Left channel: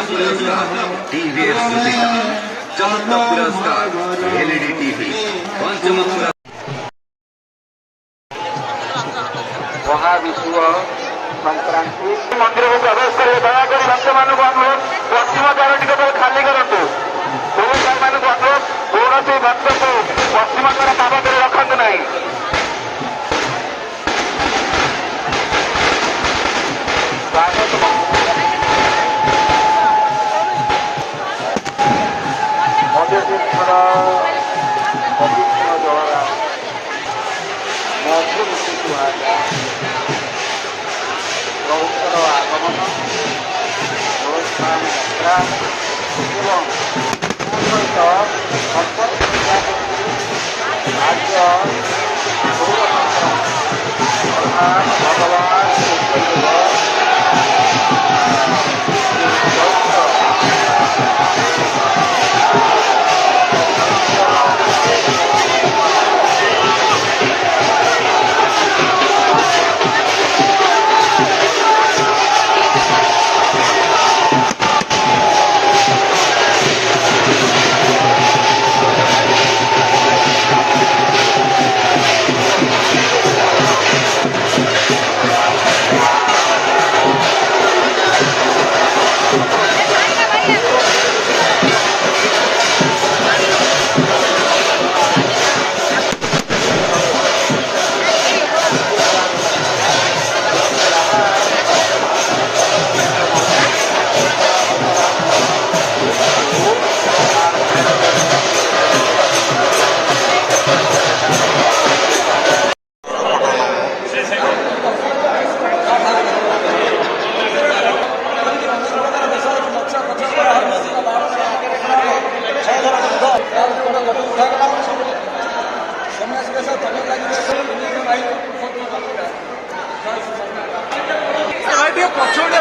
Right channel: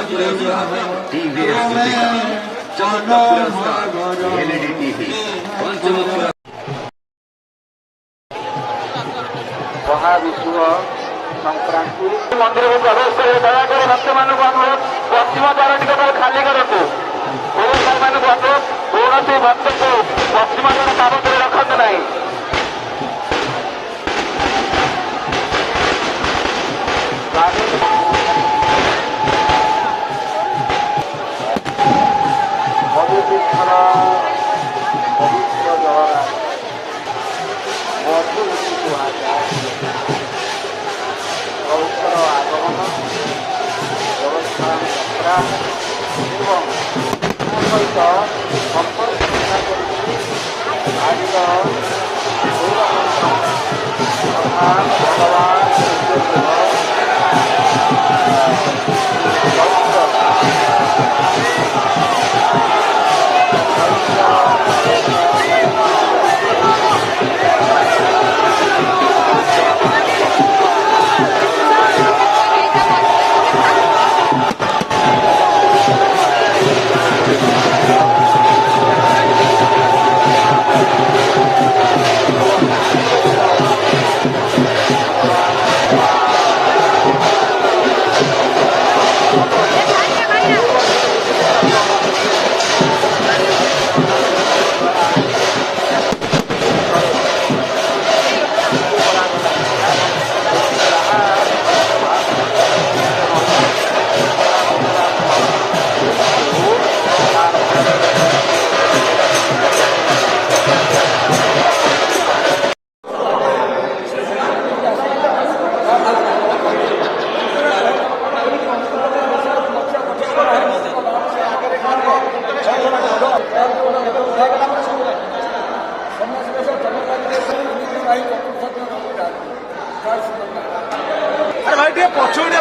टीवीएस सुचिता चमत्कार पुरस्कार LED TV पंचम मंदिर में प्रवेश करिए दयाकर भक्त मान अनुरोध पश्चिम द्वार टिके खाली करूँ अनुरोध कौन भक्त को पश्चिम द्वार पाद कर रखा नहीं पछुड़े